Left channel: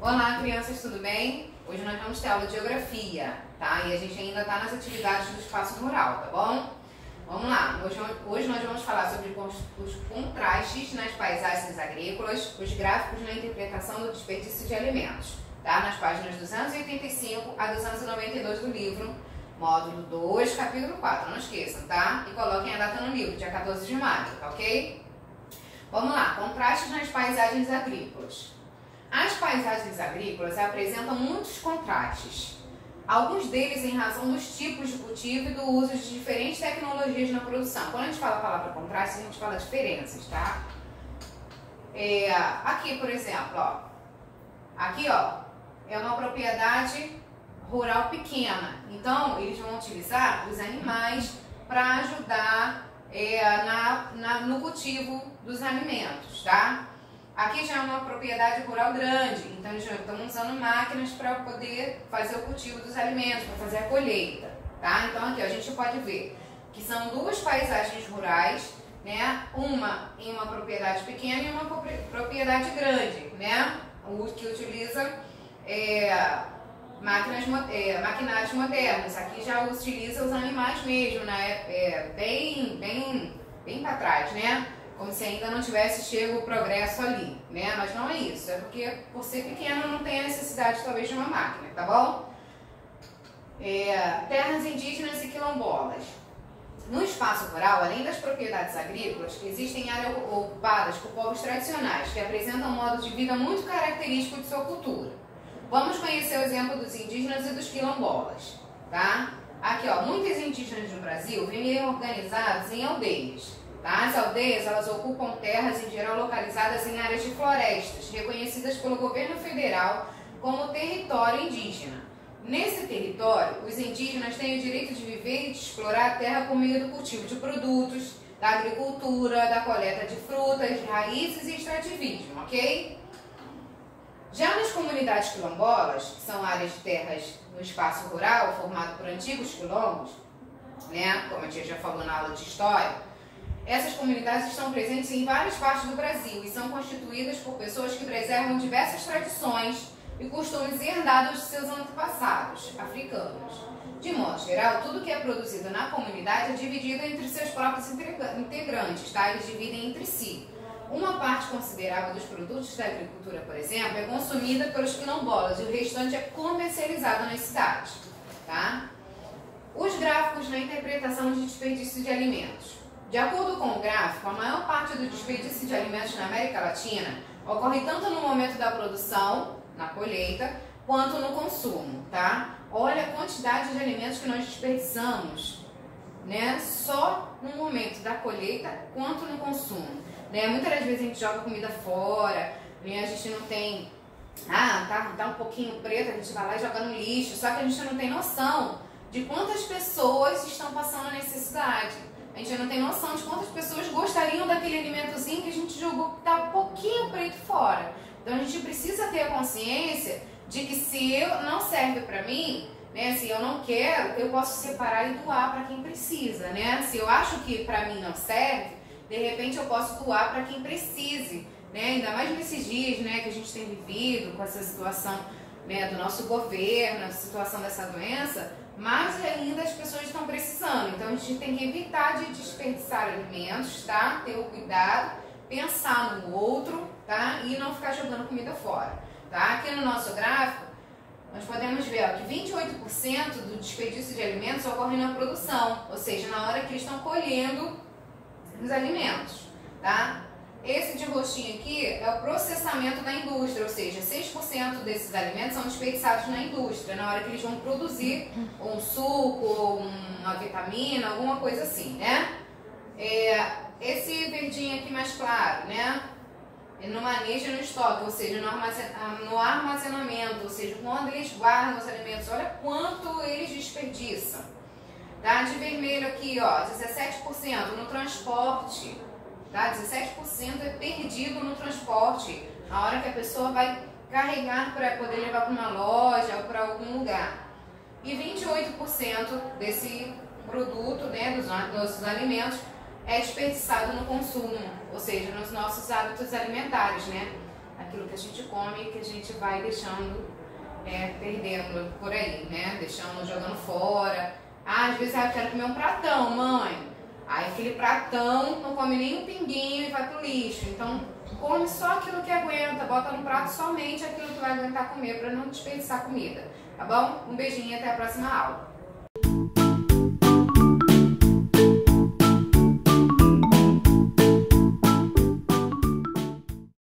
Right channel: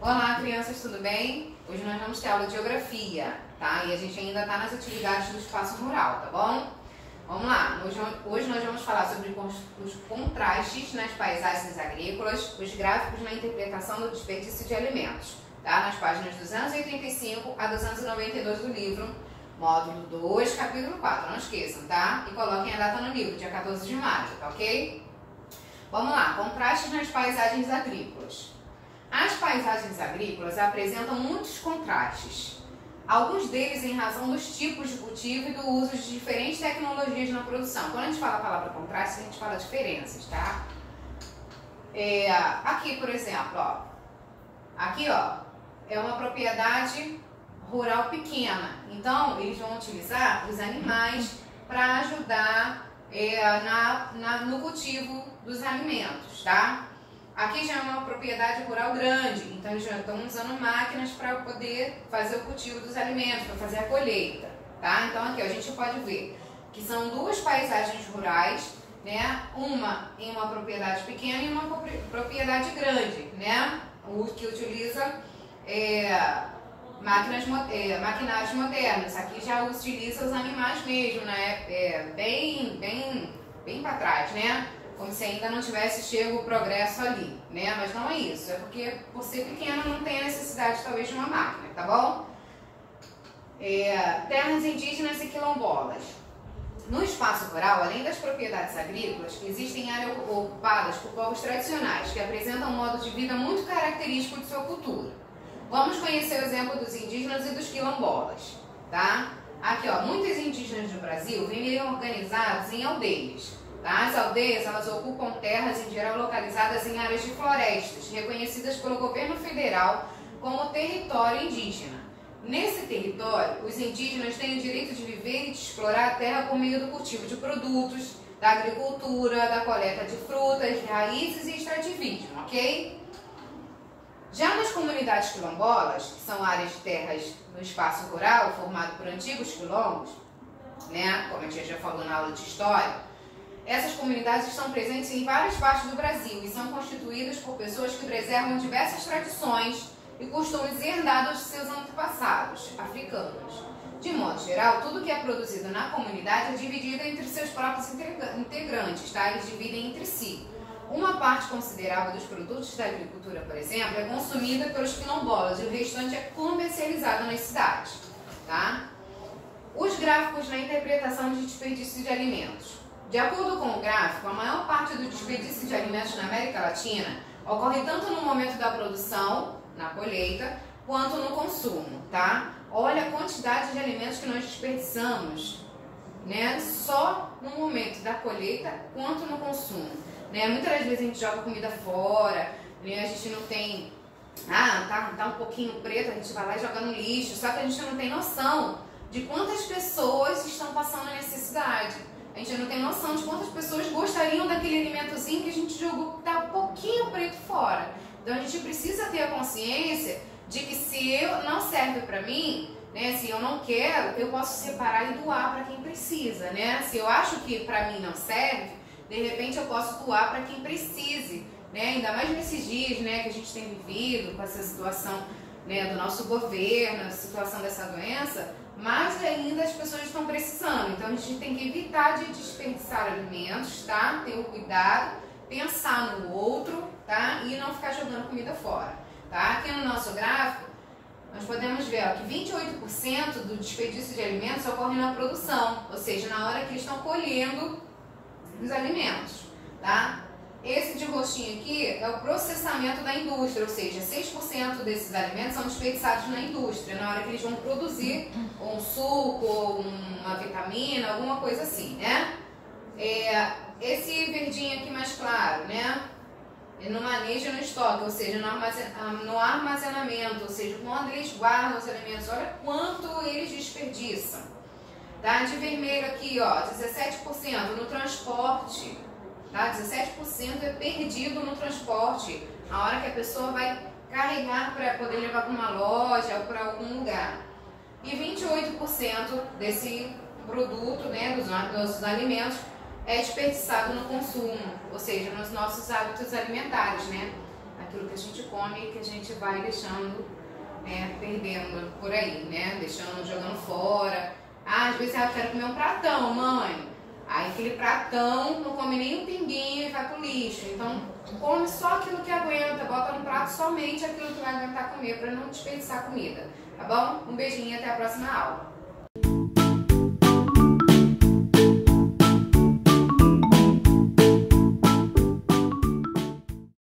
Olá, crianças, tudo bem? Hoje nós vamos ter aula de geografia, tá? E a gente ainda está nas atividades do espaço rural, tá bom? Vamos lá, hoje nós vamos falar sobre os contrastes nas paisagens agrícolas, os gráficos na interpretação do desperdício de alimentos, tá? Nas páginas 285 a 292 do livro, módulo 2, capítulo 4, não esqueçam, tá? E coloquem a data no livro, dia 14 de maio, tá ok? Vamos lá, contrastes nas paisagens agrícolas. As paisagens agrícolas apresentam muitos contrastes, alguns deles em razão dos tipos de cultivo e do uso de diferentes tecnologias na produção. Quando a gente fala a palavra contraste, a gente fala diferenças, tá? Aqui, por exemplo, ó, aqui, ó, é uma propriedade rural pequena, então eles vão utilizar os animais para ajudar no cultivo dos alimentos, tá? Aqui já é uma propriedade rural grande, então eles já estão usando máquinas para poder fazer o cultivo dos alimentos, para fazer a colheita, tá? Então aqui ó, a gente pode ver que são duas paisagens rurais, né? Uma em uma propriedade pequena e uma propriedade grande, né? O que utiliza maquinários modernos. Aqui já utiliza os animais mesmo, né? Bem para trás, né? Como se ainda não tivesse chego o progresso ali, né? Mas não é isso, é porque por ser pequeno não tem a necessidade talvez de uma máquina, tá bom? Terras indígenas e quilombolas. No espaço rural, além das propriedades agrícolas, existem áreas ocupadas por povos tradicionais que apresentam um modo de vida muito característico de sua cultura. Vamos conhecer o exemplo dos indígenas e dos quilombolas, tá? Aqui, ó, muitos indígenas do Brasil vivem organizados em aldeias. As aldeias, elas ocupam terras em geral localizadas em áreas de florestas, reconhecidas pelo governo federal como território indígena. Nesse território, os indígenas têm o direito de viver e de explorar a terra por meio do cultivo de produtos, da agricultura, da coleta de frutas, raízes e extrativismo, ok? Já nas comunidades quilombolas, que são áreas de terras no espaço rural formado por antigos quilombos, né, como a gente já falou na aula de história, essas comunidades estão presentes em várias partes do Brasil e são constituídas por pessoas que preservam diversas tradições e costumes herdados de seus antepassados africanos. De modo geral, tudo que é produzido na comunidade é dividido entre seus próprios integrantes, tá? Eles dividem entre si. Uma parte considerável dos produtos da agricultura, por exemplo, é consumida pelos quilombolas e o restante é comercializado nas cidades, tá? Os gráficos na interpretação de desperdício de alimentos. De acordo com o gráfico, a maior parte do desperdício de alimentos na América Latina ocorre tanto no momento da produção, na colheita, quanto no consumo, tá? Olha a quantidade de alimentos que nós desperdiçamos, né? Só no momento da colheita, quanto no consumo, né? Muitas das vezes a gente joga comida fora, né? A gente não tem... tá um pouquinho preto, a gente vai lá e joga no lixo, só que a gente não tem noção de quantas pessoas estão passando necessidade. A gente não tem noção de quantas pessoas gostariam daquele alimentozinho que a gente jogou que tá um pouquinho preto fora. Então a gente precisa ter a consciência de que se não serve para mim, né, se eu não quero, eu posso separar e doar para quem precisa, né? Se eu acho que para mim não serve, de repente eu posso doar para quem precise, né? Ainda mais nesses dias, né, que a gente tem vivido com essa situação, né, do nosso governo, a situação dessa doença, mais ainda as pessoas estão precisando. Então a gente tem que evitar de desperdiçar alimentos, tá? Ter o cuidado, pensar no outro, tá? E não ficar jogando comida fora, tá? Aqui no nosso gráfico, nós podemos ver ó, que 28% do desperdício de alimentos ocorre na produção, ou seja, na hora que eles estão colhendo os alimentos, tá? Esse de roxinho aqui é o processamento da indústria, ou seja, 6% desses alimentos são desperdiçados na indústria, na hora que eles vão produzir um suco, uma vitamina, alguma coisa assim, né? Esse verdinho aqui mais claro, né? No manejo e no estoque, ou seja, no armazenamento, ou seja, quando eles guardam os alimentos, olha quanto eles desperdiçam. Tá? De vermelho aqui, ó, 17% no transporte. Tá? 17% é perdido no transporte, a hora que a pessoa vai carregar para poder levar para uma loja ou para algum lugar. E 28% desse produto, né, dos nossos alimentos é desperdiçado no consumo, ou seja, nos nossos hábitos alimentares, né? Aquilo que a gente come e que a gente vai deixando, perdendo por aí, né? Deixando, jogando fora. Ah, às vezes eu quero comer um pratão, mãe. Aí aquele pratão não come nem um pinguinho e vai pro lixo. Então come só aquilo que aguenta, bota no prato somente aquilo que vai aguentar comer para não desperdiçar comida, tá bom? Um beijinho e até a próxima aula.